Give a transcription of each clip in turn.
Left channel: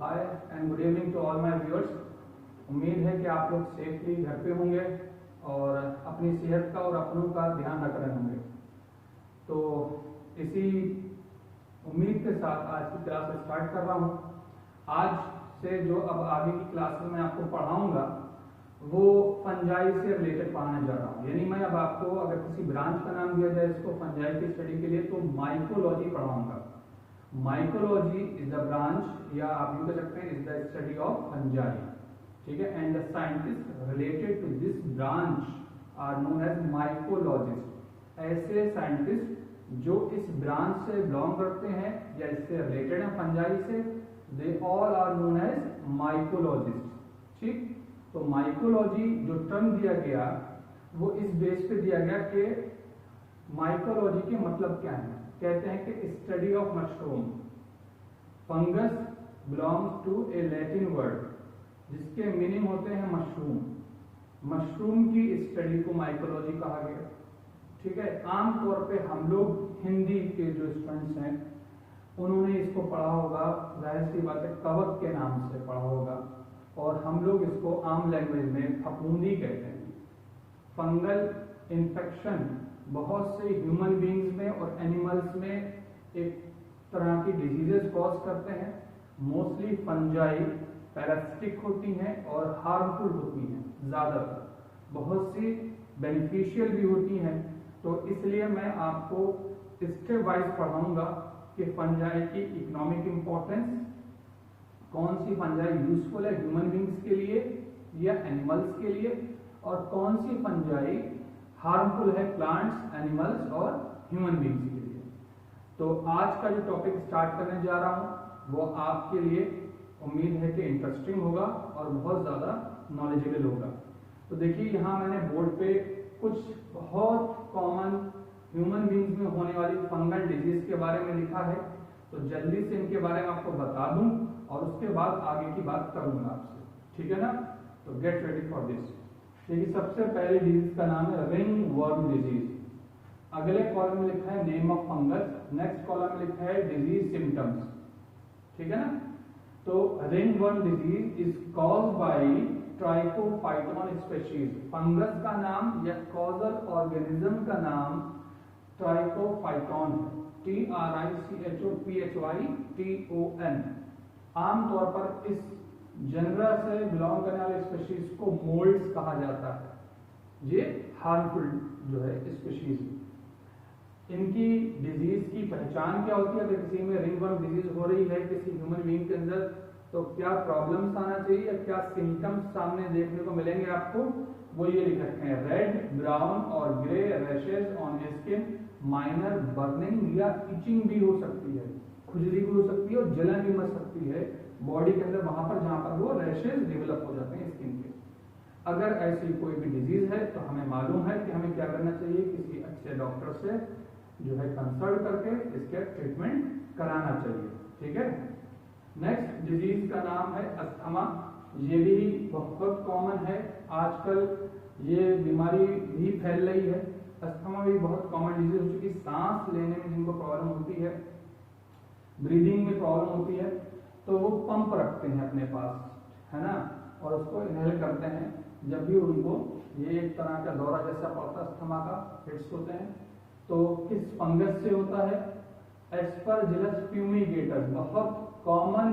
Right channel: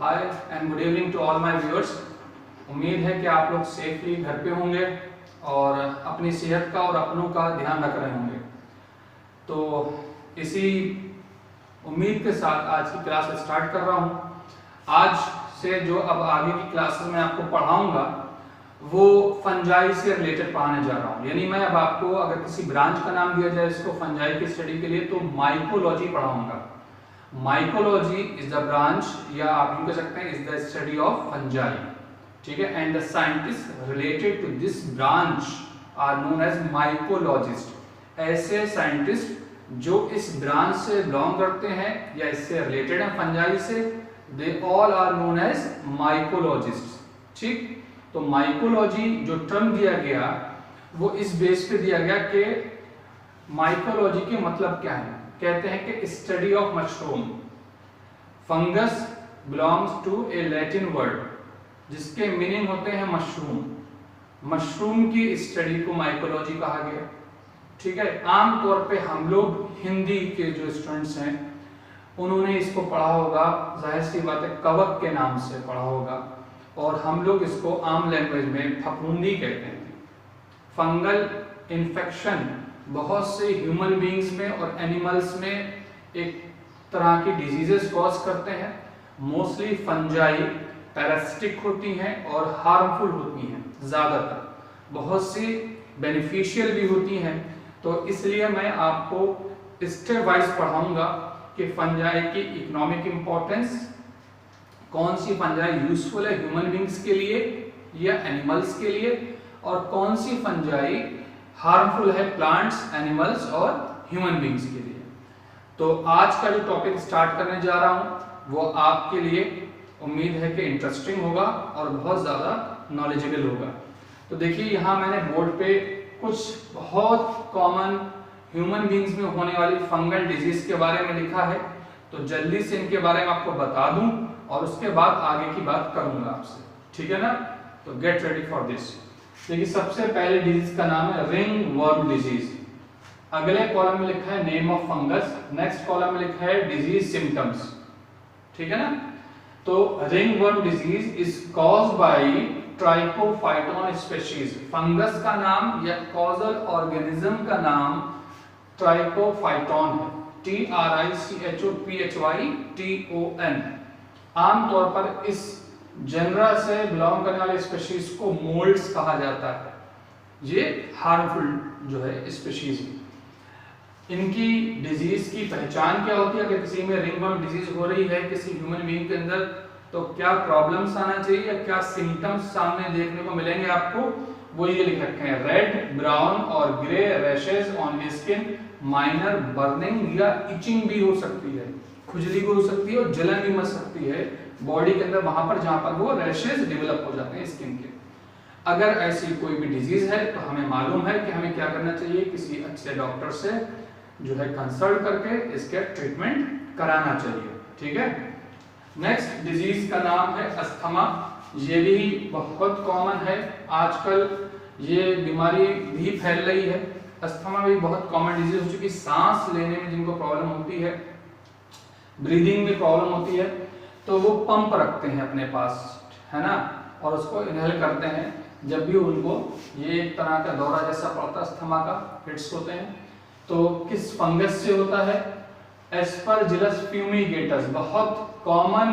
Hi and good evening to all my viewers. उम्मीद है कि आप लोग सेफली घर पे होंगे और अपनी सेहत का और अपनों का ध्यान रख रहे होंगे। तो इसी उम्मीद के साथ आज की क्लास स्टार्ट कर रहा हूँ। आज से जो अब आगे की क्लासेस में आपको पढ़ाऊंगा वो फंजाई से रिलेटेड पढ़ाने जा रहा हूँ। यानी मैं अब आपको अगर किसी ब्रांच का नाम दिया जाए इसको फंजाई की स्टडी के लिए तो माइकोलॉजी पढ़ाऊंगा। माइकोलॉजी इज द ब्रांच या आप यूं कह सकते हैं is the study of fungi, ठीक है। And the scientist related to this branch are known as mycologist. ऐसे साइंटिस्ट जो इस ब्रांच से बिलोंग करते हैं या इससे रिलेटेड हैं फंजाई से, they all are known as mycologist, ठीक। तो माइकोलॉजी जो टर्म दिया गया वो इस बेस पे दिया गया कि माइकोलॉजी के मतलब क्या है। कहते हैं कि study of mushroom. Fungus belongs to a Latin word जिसके मीनिंग होते हैं मशरूम। मशरूम की स्टडी को माइकोलॉजी कहा गया, ठीक है। आमतौर पे हम लोग हिंदी के जो स्टूडेंट्स हैं उन्होंने इसको पढ़ा होगा, जाहिर सी बात है कवक के नाम से पढ़ा होगा, और हम लोग इसको आम लैंग्वेज में फफूंदी कहते हैं। फंगल इन्फेक्शन बहुत से ह्यूमन बीइंग्स में और एनिमल्स में एक तरह की डिजीजेस कॉज करते हैं। मोस्टली फंजाई पैरासिटिक होती हैं और हार्मफुल होती हैं, ज़्यादातर बहुत सी बेनिफिशियल भी होती हैं। तो इसलिए मैं आपको स्टेप वाइज पढ़ाऊंगा कि फंजाई की इकोनॉमिक इम्पोर्टेंस, कौन सी फंजाई यूजफुल है ह्यूमन बीइंग्स के लिए या एनिमल्स के लिए, और कौन सी फंजाई हार्मफुल है प्लांट्स, एनिमल्स और ह्यूमन बीइंग्स के लिए। तो आज का जो टॉपिक स्टार्ट करने जा रहा हूं वो आपके लिए उम्मीद है कि इंटरेस्टिंग होगा और बहुत ज़्यादा नॉलेजेबल होगा। तो देखिए यहाँ मैंने बोर्ड पे कुछ बहुत कॉमन ह्यूमन बीइंग्स में होने वाली फंगल डिजीज के बारे में लिखा है, तो जल्दी से इनके बारे में आपको बता दूं और उसके बाद आगे की बात करूंगा आपसे, ठीक है ना। तो गेट रेडी फॉर दिस। देखिए सबसे पहले डिजीज का नाम है रिंग वर्म डिजीज। अगले कॉलम में लिखा है name of fungus, next column में लिखा है डिजीज सिम्टम्स, ठीक है ना। तो ring worm disease is caused by Trichophyton species. Fungus का नाम या कॉजल ऑर्गेनिज्म का नाम ट्राइकोफाइटोन है, TRICHOPHYTON। आमतौर पर इस जनरा से बिलोंग करने वाले स्पीशीज को मोल्ड्स कहा जाता है। ये हार्मफुल जो है स्पीशीज है। इनकी डिजीज की पहचान क्या होती है? अगर किसी में रिंगवर्म डिजीज हो रही है किसी ह्यूमन बीइंग के अंदर, तो क्या प्रॉब्लम्स आना चाहिए या क्या सिम्टम्स सामने देखने को मिलेंगे आपको, वो ये लिख रखे हैं। रेड, ब्राउन और grey rashes on skin, minor burning या इचिंग भी हो सकती है, खुजली भी हो सकती है और जलन भी मच सकती है बॉडी के अंदर वहां पर जहां पर वो रैशेस डेवलप हो जाते हैं स्किन के। अगर ऐसी कोई भी डिजीज है तो हमें मालूम है कि हमें क्या करना चाहिए, किसी अच्छे डॉक्टर से जो है कंसल्ट करके इसके ट्रीटमेंट कराना चाहिए, ठीक है। नेक्स्ट डिजीज का नाम है अस्थमा। ये भी बहुत कॉमन है आजकल, ये बीमारी भी फैल रही है। अस्थमा भी बहुत कॉमन डिजीज हो चुकी। सांस लेने में जिनको प्रॉब्लम होती है, ब्रीदिंग में प्रॉब्लम होती है, तो वो पंप रखते हैं अपने पास, है ना, और उसको इनहेल करते हैं जब भी उनको ये एक तरह का दौरा जैसा पड़ता है, अस्थमा का फिट्स होते हैं। तो किस फंगस से होता है? एस्परजिलस फ्यूमिगेटस बहुत कॉमन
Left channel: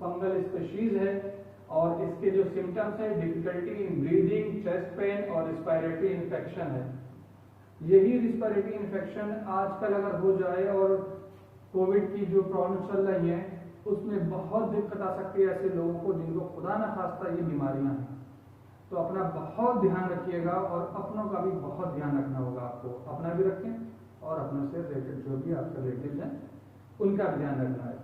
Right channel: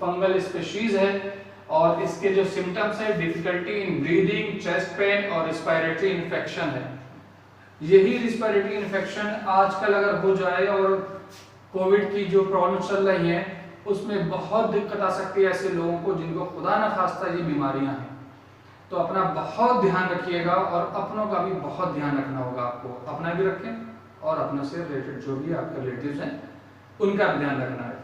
फंगल स्पीशीज है और इसके जो सिम्टम्स है difficulty in breathing, chest pain और रिस्पिरेटरी इन्फेक्शन है। यही रिस्पिरेटरी इन्फेक्शन आजकल अगर हो जाए और कोविड की जो प्रॉब्लम चल रही है उसमें बहुत दिक्कत आ सकती है ऐसे लोगों को जिनको खुदा न खास्ता ये बीमारियां हैं। तो अपना बहुत ध्यान रखिएगा और अपनों का भी बहुत ध्यान रखना होगा आपको। अपना भी रखें और अपने से रिलेटेड जो भी आपके रिलेटिव्स हैं उनका भी ध्यान रखना है।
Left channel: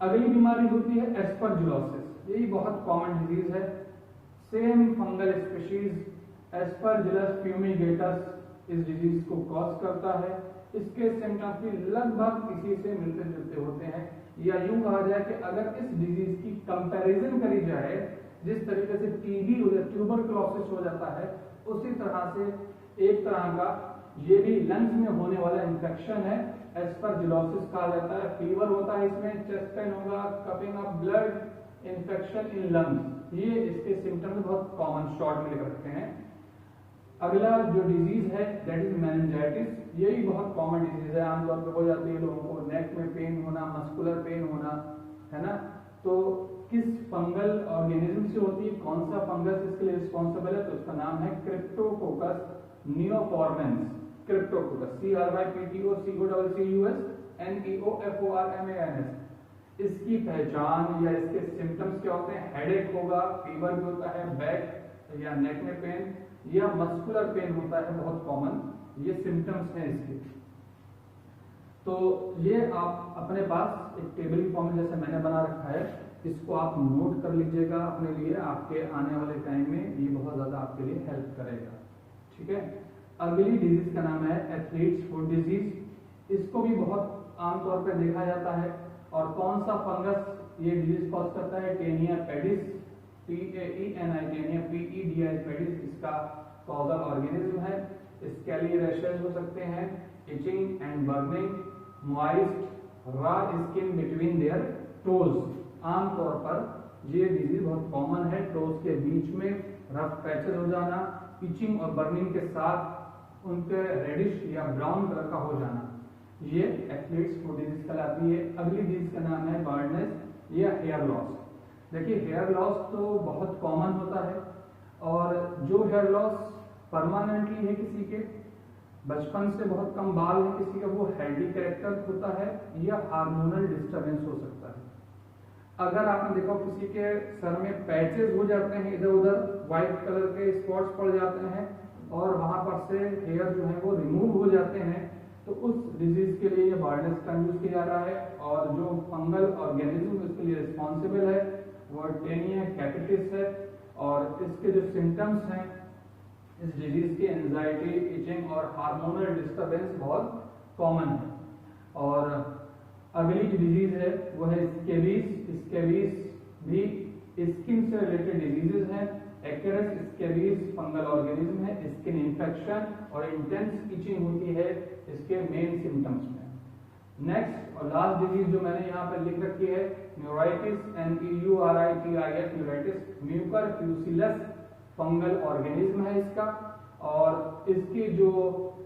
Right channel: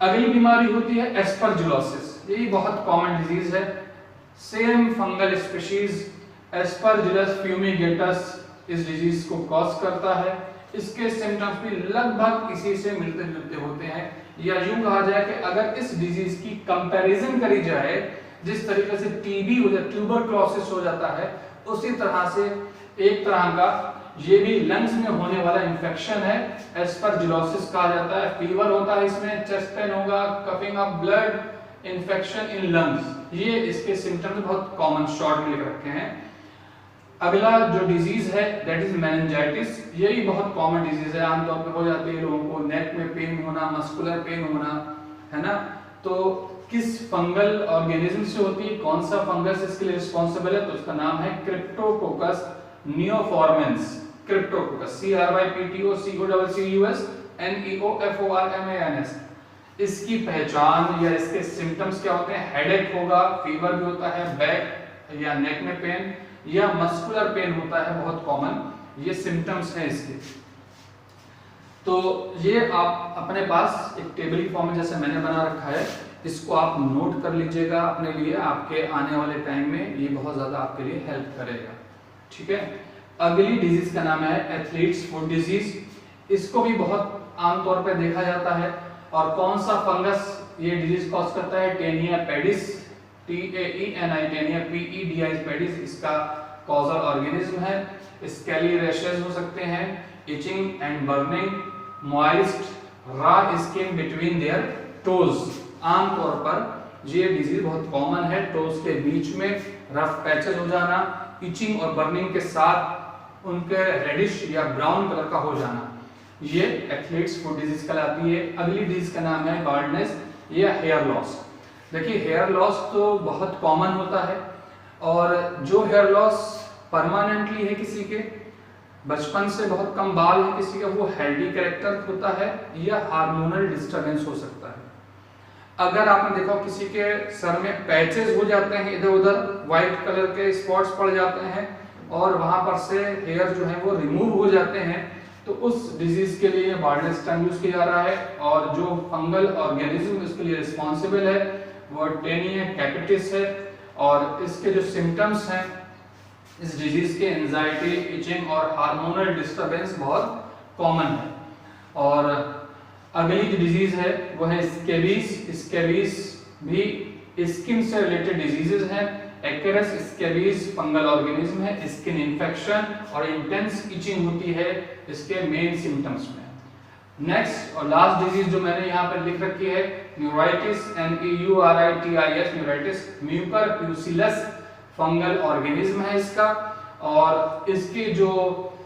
अगली बीमारी होती है एस्परजिलोसिस। यही बहुत कॉमन डिजीज है। Same fungal species Aspergillus fumigatus इस डिजीज को कॉज करता है। इसके सिम्टम्स भी लगभग इसी से मिलते जुलते होते हैं, या यूं कहा जाए कि अगर इस डिजीज की कंपैरिजन करी जाए, जिस तरीके से टीबी हो जाता है, ट्यूबरक्लोसिस हो जाता है, उसी तरह से एक तरह का ये भी लंग्स में होने वाला इंफेक्शन है, एस्परजिलोसिस कहा जाता है। फीवर होता है इसमें, चेस्ट पेन होगा, coughing of blood, infection in lungs, ये इसके सिम्टम्स बहुत कॉमन शॉर्ट में लिख रखे हैं। अगला जो डिजीज है दैट इज मेनिंजाइटिस, ये भी बहुत कॉमन डिजीज है, आमतौर पे हो जाती है लोगों को, नेक में पेन होना, मस्कुलर पेन होना, है ना। तो किस फंगल ऑर्गेनिज्म से होती है, कौन सा फंगस इसके लिए रिस्पॉन्सिबल है, तो उसका नाम है क्रिप्टोकोकस नियोफॉर्मेंस। क्रिप्टोकोकस, CRYPTOCOUS इसकी पहचान या इसके सिम्टम्स क्या होते हैं, हेडेक होगा, फीवर भी होता है, बैक या नेक में पेन या मस्कुलर पेन होता है, बहुत कॉमन ये सिम्टम्स हैं इसके। तो ये आप अपने पास एक टेबल फॉर्म में जैसे मैंने बना रखा है, इसको आप नोट कर लीजिएगा अपने लिए, आपके आने वाले टाइम में ये बहुत ज्यादा आपके लिए हेल्प करेगा, ठीक है। अगली डिजीज का नाम है एथलीट्स फुट डिजीज, इसको भी बहुत आमतौर पर देखा जाता है। और कौन सा फंगस ये डिजीज कॉज करता है, Taenia pedis, TAENI Taenia PEDIS pedis इसका कॉजल ऑर्गेनिज्म है। स्केली रैशेस हो सकते हैं, etching and burning, moist raw skin between their toes, आमतौर पर ये डिजीज बहुत कॉमन है, टोज के बीच में रफ पैचेस हो जाना, इचिंग और बर्निंग के साथ उनके रेडिश या ब्राउन कलर का हो जाना, ये एथलीट्स फुट डिजीज कहलाती है। अगली डिजीज का नाम है बार्डनेस या हेयर लॉस। देखिए हेयर लॉस तो बहुत कॉमन होता है, और जो हेयर लॉस परमानेंटली है किसी के, बचपन से बहुत कम बाल है किसी का, वो हेल्दी कैरेक्टर होता है या हार्मोनल डिस्टरबेंस हो सकता है। अगर आपने देखा किसी के सर में पैचेस हो जाते हैं, इधर उधर व्हाइट कलर के स्पॉट्स पड़ जाते हैं और वहां पर से हेयर जो है वो रिमूव हो जाते हैं, तो उस डिजीज के लिए बार्डनेस टर्म यूज किया जा रहा है। और जो फंगल ऑर्गेनिज्म इसके लिए रिस्पॉन्सिबल है वो टेनिया कैपिटिस है। और इसके जो सिम्टम्स हैं इस डिजीज के, एंजाइटी, इचिंग और हार्मोनल डिस्टरबेंस बहुत कॉमन है। और अगली जो डिजीज है वो है स्केबीज। स्केबीज भी स्किन से रिलेटेड डिजीजेस हैं। एक्रेस स्केबीज फंगल ऑर्गेनिज्म है, स्किन इन्फेक्शन और इंटेंस इचिंग होती है इसके मेन सिम्टम्स में। नेक्स्ट और लास्ट डिजीज जो मैंने यहाँ पर लिख रखी है neuritis, NEURITIS neuritis, mucor pusillus fungal organism है इसका। और इसकी जो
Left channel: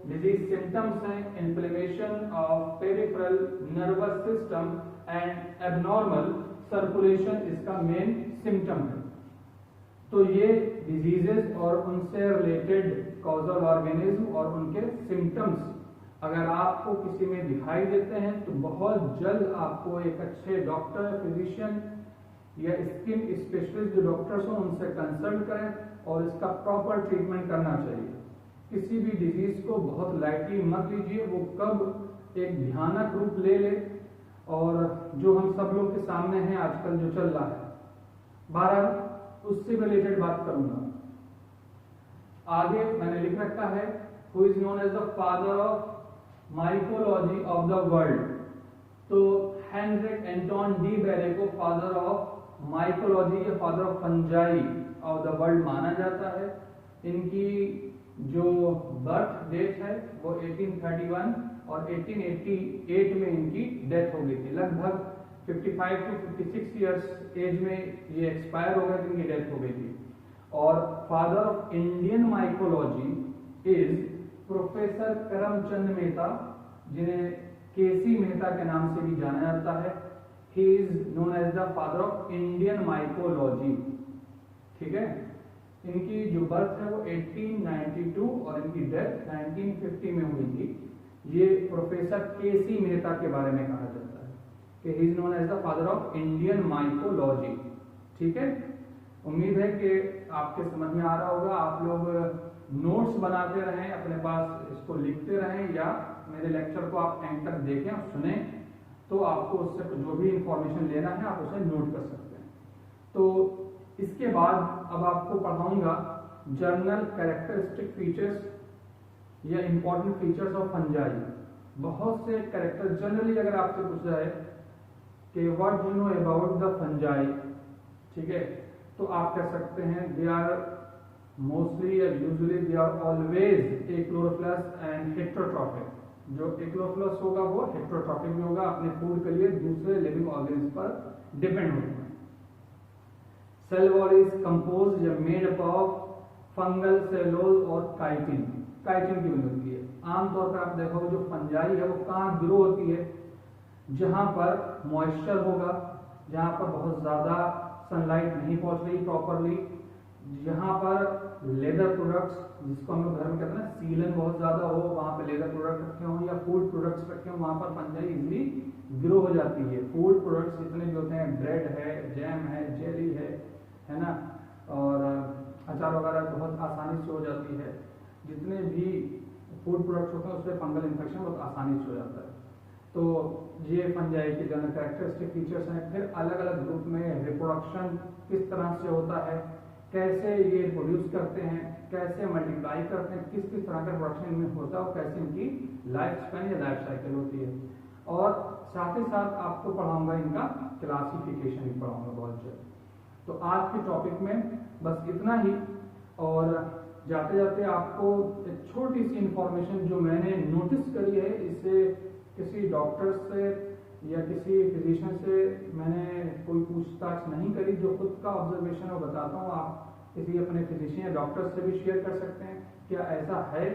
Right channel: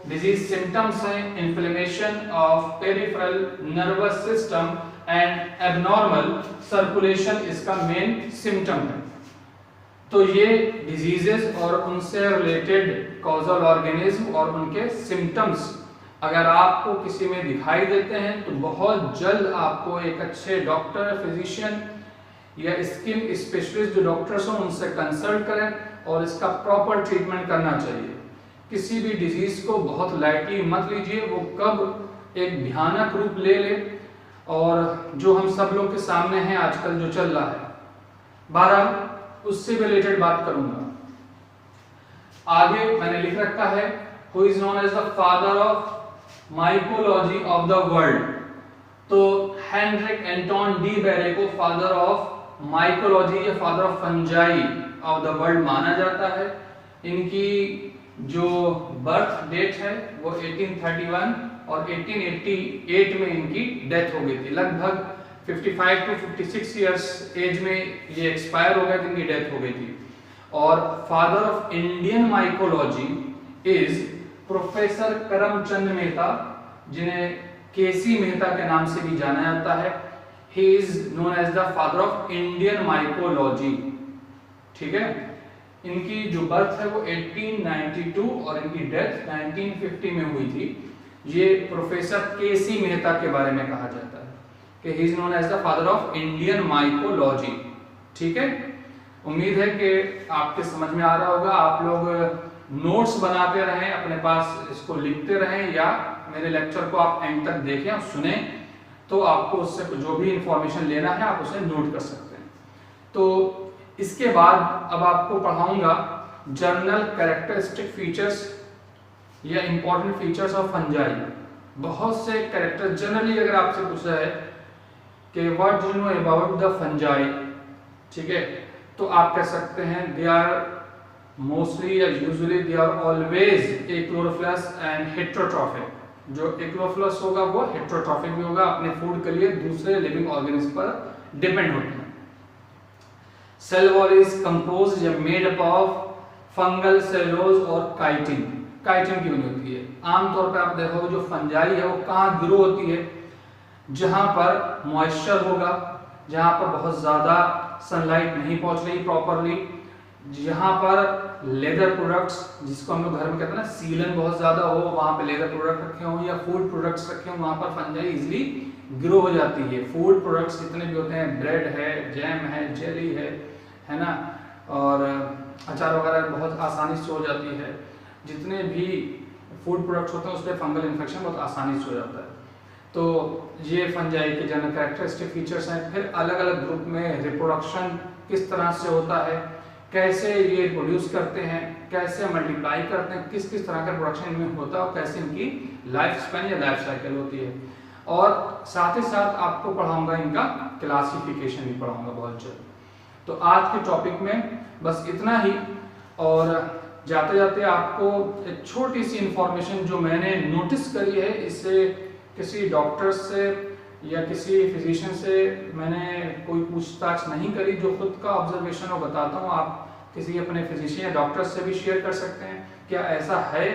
डिजीज सिम्टम्स हैं, inflammation of peripheral nervous system and abnormal circulation इसका मेन सिम्टम है। तो ये डिजीजेस और उनसे रिलेटेड कॉजल ऑर्गेनिज्म और उनके सिम्टम्स अगर आपको किसी में दिखाई देते हैं तो बहुत जल्द आपको एक अच्छे डॉक्टर, फिजिशियन या स्किन स्पेशलिस्ट जो डॉक्टर्स हों उनसे कंसल्ट करें और इसका प्रॉपर ट्रीटमेंट करना चाहिए। किसी भी डिजीज को बहुत लाइटली मत लीजिए, वो कब एक भयानक रूप ले ले, और जो हम सब लोग के सामने है आजकल जो चल रहा है, बहरहाल उससे भी रिलेटेड बात करूंगा। आगे मैंने लिख रखा है who is known as the father of mycology of the world. तो हेनरिक एंटोन डी बेरे को फादर ऑफ माइकोलॉजी या father of fungi of the world माना जाता है। इनकी जो बर्थ डेट है वो 1831 और 1888 में इनकी डेथ हो गई थी। लगभग 55 to 56 इयर्स एज में ये एक्सपायर हो गए थे, इनकी डेथ हो गई थी। और father of Indian mycology is professor Karamchand Mehta, जिन्हें केसी मेहता के नाम से भी जाना जाता है। He is known as the father of Indian mycology, ठीक है। इनकी जो बर्थ है वो 1892 और इनकी डेथ 1950 में हुई थी। ये प्रोफेसर केसी मेहता के बारे में कहा जाता है कि he is known as the father of Indian mycology, ठीक है। उम्मीद है कि आपके समझ में आ रहा होगा। आप लोग नोट्स बनाते रहें, अपने पास इसको लिखते रहें, या मेरे लेक्चर को आप एंड तक देखें और सुने, तो आपको उससे जो भी इंफॉर्मेशन लेना है आप उसे नोट कर सकते हैं। तो इसके बाद अब आपको पढ़ाऊंगा जनरल कैरेक्टरिस्टिक फीचर्स या इंपॉर्टेंट फीचर्स ऑफ फंजाई। बहुत से कैरेक्टर जनरली अगर आपसे पूछा है कि what do you know about the fungi, ठीक है, तो आप कह सकते हैं दे आर मोस्टली या usually they are always achlorophyllous and heterotrophic. जो एक्लोरोफिलस होगा वो हेटेरोट्रॉफिक भी होगा, अपने फूड के लिए दूसरे लिविंग ऑर्गेनिज्म पर डिपेंड होते हैं। सेल वॉल इज कंपोज्ड या made up of fungal cellulose और काइटिन, काइटिन की बनी होती है। आमतौर पर आप देखोगे जो फंजाई है वो कहाँ ग्रो होती है, जहां पर मॉइस्चर होगा, जहां पर बहुत ज्यादा सनलाइट नहीं पहुंच रही प्रॉपरली, जहां पर लेदर प्रोडक्ट्स, जिसको हम लोग घर में कहते हैं ना सीलन बहुत ज्यादा हो, वहां पे लेदर प्रोडक्ट रखे हों या फूड प्रोडक्ट्स रखे हों, वहां पर फंजाई इजीली ग्रो हो जाती है। फूड प्रोडक्ट्स जितने भी होते हैं, ब्रेड है, जैम है, जेली है ना, और अचार वगैरह बहुत आसानी से हो जाती है। जितने भी फूड प्रोडक्ट्स होते हैं उस पर फंगल इन्फेक्शन बहुत आसानी से हो जाता है। तो ये फंजाई के जनरल कैरेक्टरिस्टिक फीचर्स हैं। फिर अलग अलग ग्रुप में रिप्रोडक्शन किस तरह से होता है, कैसे ये रिप्रोड्यूस करते हैं, कैसे मल्टीप्लाई करते हैं, किस किस तरह का प्रोडक्शन इनमें होता है और कैसे इनकी लाइफ स्पैन या लाइफ साइकिल होती है। और साथ ही साथ आपको पढ़ाऊंगा इनका क्लासिफिकेशन भी पढ़ाऊंगा बहुत जल्द। तो आज के टॉपिक में बस इतना ही, और जाते जाते आपको एक छोटी सी इंफॉर्मेशन जो मैंने नोटिस करी है, इससे किसी डॉक्टर से या किसी फिजिशियन से मैंने कोई पूछताछ नहीं करी, जो खुद का ऑब्जर्वेशन हो बताता हूँ। आप किसी अपने फिजिशियन या डॉक्टर से भी शेयर कर सकते हैं। क्या ऐसा है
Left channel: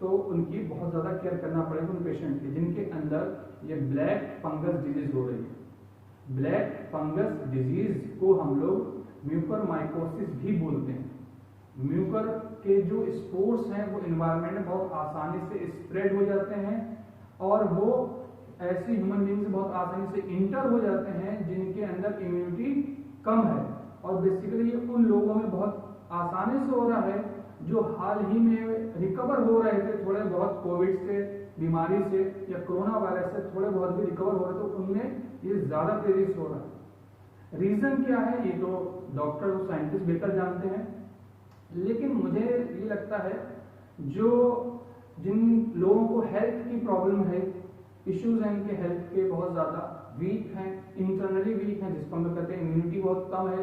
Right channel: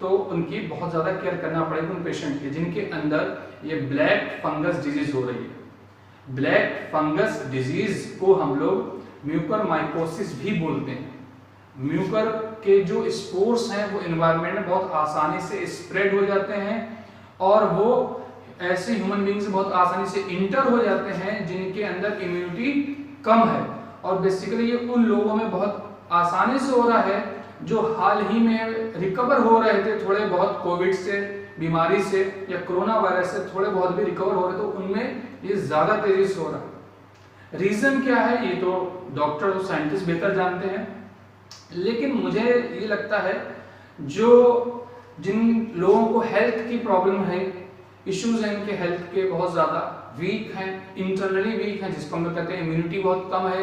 तो उनकी बहुत ज़्यादा केयर करना पड़ेगा उन पेशेंट की जिनके अंदर ये ब्लैक फंगस डिजीज हो रही है। ब्लैक फंगस डिजीज को हम लोग म्यूकरमाइकोसिस भी बोलते हैं। म्यूकर के जो स्पोर्स हैं वो एनवायरनमेंट में बहुत आसानी से स्प्रेड हो जाते हैं और वो ऐसे ह्यूमन बींग से बहुत आसानी से इंटर हो जाते हैं जिनके अंदर इम्यूनिटी कम है। और बेसिकली ये उन लोगों में बहुत आसानी से हो रहा है जो हाल ही में रिकवर हो रहे थे थोड़े बहुत कोविड से, बीमारी से या कोरोना वायरस से थोड़े बहुत भी रिकवर हो रहे, तो उनमें ये ज़्यादा तेजी से हो रहा है। रीज़न क्या है ये तो डॉक्टर और साइंटिस्ट बेहतर जानते हैं, लेकिन मुझे ये लगता है जो जिन लोगों को हेल्थ की प्रॉब्लम है, इश्यूज हैं इनके हेल्थ के बहुत ज़्यादा वीक हैं, इंटरनली वीक हैं, जिसको हम लोग कहते हैं इम्यूनिटी बहुत कम है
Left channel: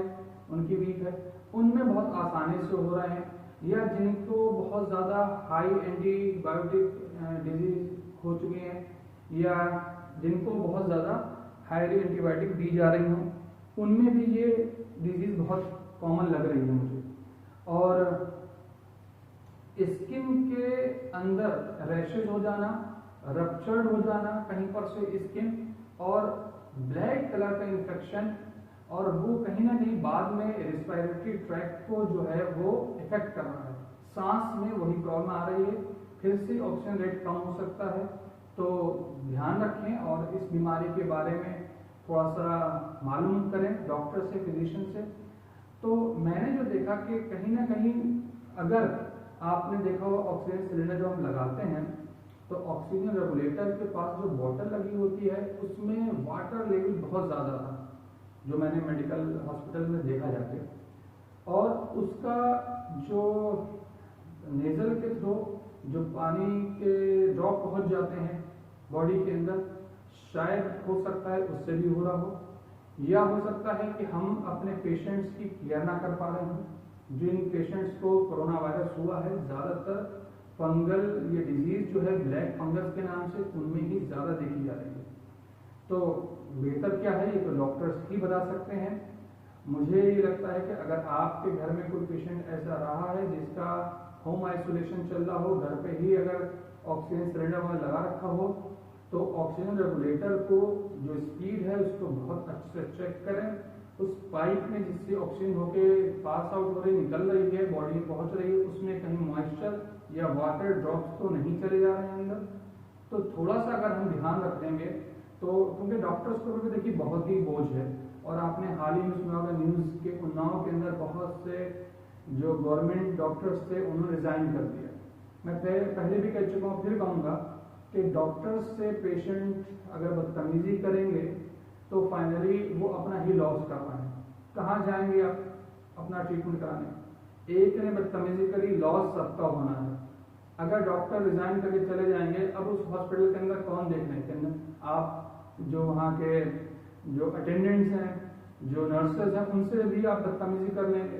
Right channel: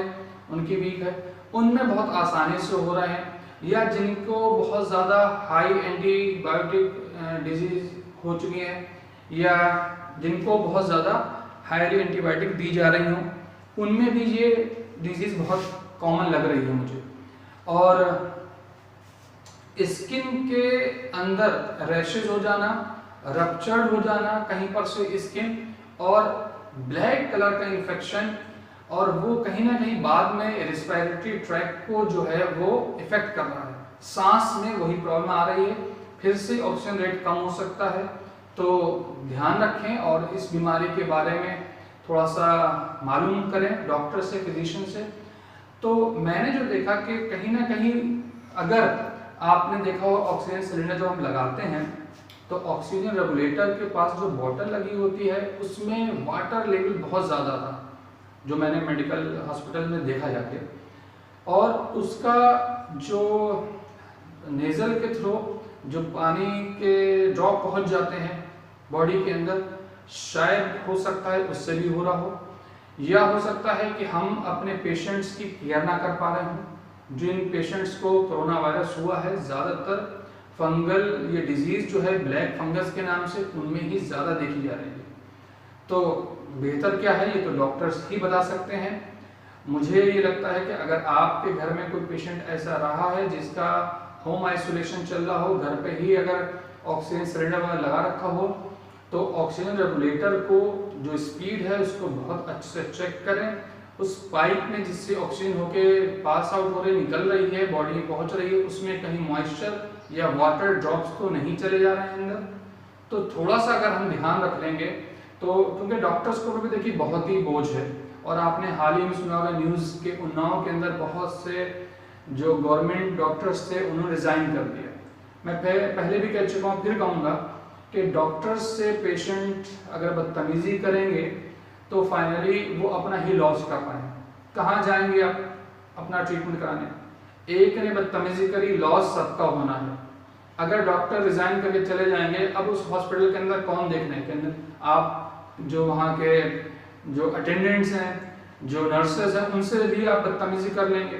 उनकी वीक है, उनमें बहुत आसानी से हो रहे हैं। या जिनको बहुत ज़्यादा हाई एंटीबायोटिक डिजीज हो चुकी है या जिनको बहुत ज़्यादा हाईली एंटीबायोटिक दी जा रही हों, उनमें भी ये डिजीज़ बहुत कॉमन लग रही है मुझे। और स्किन के अंदर रैशेज हो जाना, रप्चर्ड हो जाना कहीं पर से स्किन, और ब्लैक कलर का इन्फेक्शन, और वो कहीं ना कहीं बाद में रेस्पिरेटरी ट्रैक्ट को जो है वो इफेक्ट कर रहा है। सांस में वही प्रॉब्लम आ रही है, फिर से ऑक्सीजन रेट कम हो सकता है। तो ध्यान रखें और इस बीमारी के बारे में थोड़ा सा मालूम करें डॉक्टर से, फिजिशियन से। तो मैंने जो देखा कि कहीं ना कहीं अगर आपने देखा हो ऑक्सीजन सिलेंडर जब हम लगाते हैं तो ऑक्सीजन रेगुलेटर के पास जो बॉटल लगी होती है उसमें वाटर लेवल बहुत ज़्यादा था, जो मैंने मेडिकल हॉस्पिटल में देखा जाके, और उसका जो नेज़ल के थ्रू जो पानी के ड्रॉप पहुंच जाते हैं बॉडी के अंदर, शायद हो सकता है उससे भी हो रहा हो, या हो सकता है कि हम अपने पेशेंट्स की केयर ना कर पा रहे हों। जिन पेशेंट्स को कोरोना वायरस हुआ है, ज़्यादातर फंगल ये डिजीज़ जो है ब्लैक फंगस के नाम से उनमें ही ज़्यादा देखी जा रही है। तो बेहतर क्या है ये तो डॉक्टर्स ही बता सकते हैं। मुझे ये लगता है कि अगर आपके घर में कोई पेशेंट ऐसा रहा है जिसका होम आइसोलेशन चल रहा हो, घर पे ही अगर ऑक्सीजन सिलेंडर वगैरह लगा रखा हो, तो ऑक्सीजन रेगुलेटर को जो स्पीड है उसको बहुत अच्छे से चेक करें। उस पाइप में जिससे ऑक्सीजन होके पास आउट हो रही, निकल रही है, बॉडी में पहुंच रही है, उसमें कहीं मॉइस्चर या वाटर ड्रॉप्स तो नहीं चले जा रहे हैं अंदर। तो थोड़ा सा अगर हम ध्यान रख लेंगे तो, क्योंकि डॉक्टर्स को भी देखिए बहुत ही बोझ है, और आपने हाल ही में सुना होगा न्यूज़ के उन्नाव के अंदर बहुत से जो गवर्नमेंट डॉक्टर्स थे उन्होंने रिज़ाइन कर दिया। मैं पहले भी कह चुका हूँ, फिर कहूँगा कि डॉक्टर्स से पेशेंट अगर बदतमीज़ी करेंगे तो फाइनली वो अपना ही लॉस कर पाएंगे। कहाँ जाएंगे आप अपना ट्रीटमेंट कराने? एक ने बदतमीज़ी करी, लॉस सबका होना है। अगर डॉक्टर रिज़ाइन करके चले जाएंगे, अब उस हॉस्पिटल के अंदर कौन देखने के अंदर? आप जो वहाँ के जो अटेंडेंट्स हैं, जो नर्सेज हैं, उनसे भी आप बदतमीज़ी कर लेंगे,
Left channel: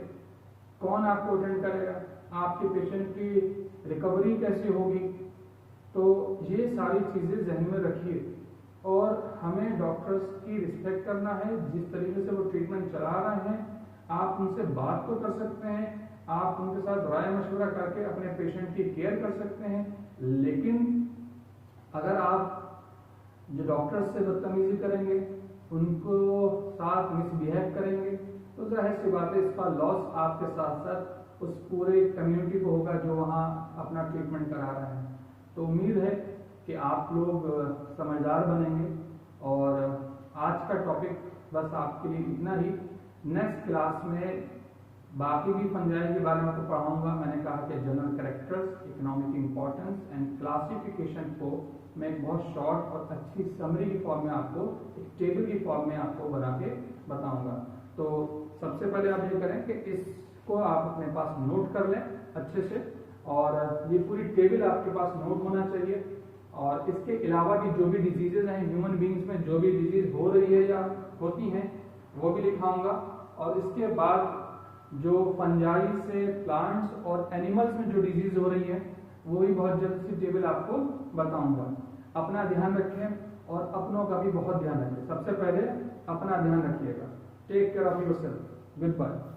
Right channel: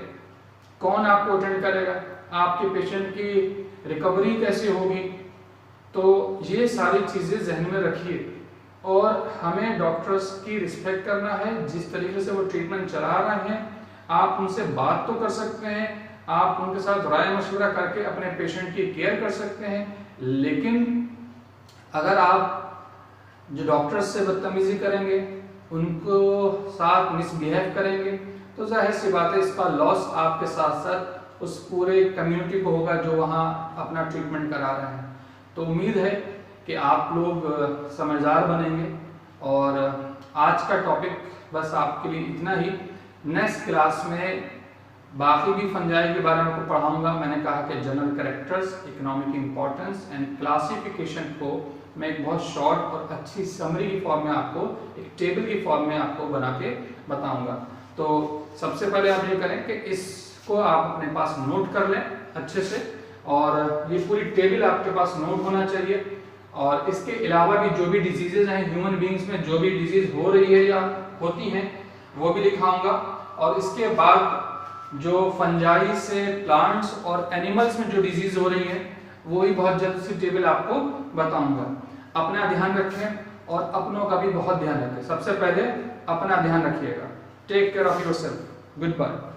कौन आपको अटेंड करेगा? आपके पेशेंट की रिकवरी कैसे होगी। तो ये सारी चीज़ें जहन में रखिए और हमें डॉक्टर्स की रिस्पेक्ट करना है। जिस तरीके से वो ट्रीटमेंट चला रहे हैं, आप उनसे बात तो कर सकते हैं, आप उनके साथ राय मशवरा करके अपने पेशेंट की केयर कर सकते हैं, लेकिन अगर आप जो डॉक्टर्स से बदतमीजी करेंगे, उनको साथ मिसबिहेव करेंगे, तो जाहिर सी बात है इसका लॉस आपके साथ साथ उस पूरे कम्युनिटी को होगा जो वहाँ अपना ट्रीटमेंट करा रहे हैं। तो उम्मीद है कि आप लोग समझदार बनेंगे। और आज का टॉपिक बस आपके लिए इतना ही। नेक्स्ट क्लास में बाकी भी फंजाई के बारे में आपको पढ़ाऊंगा। मैंने कहा कि general characters, economic importance and classification को मैं एक बहुत शॉर्ट और अच्छी समरी की फॉर्म में आपको, एक टेबल की फॉर्म में आपको बना के बताऊंगा। तो सबसे पहले आप ये करें कि इसको आप अपने पास नोट कर लें अच्छे से, और ये पूरी टेबल आपके पास नोट होना चाहिए। और इसके अलावा भी जो भी डिजीजेज हैं ह्यूमन बींग्स में, जो भी डिजीज हो रही है या होती हैं, वो भी लिखाऊंगा। और इसके बाद जो फंजाई से प्लांट्स और एनिमल्स में जो डिजीज हो रही है, वो भी बहुत जल्द सी टेबल आपको बताऊंगा। अपना ध्यान रखें और अपनों का भी बहुत ध्यान रखें। सबसे पहले अपना ध्यान रखिएगा। Take care of yourself. Good bye.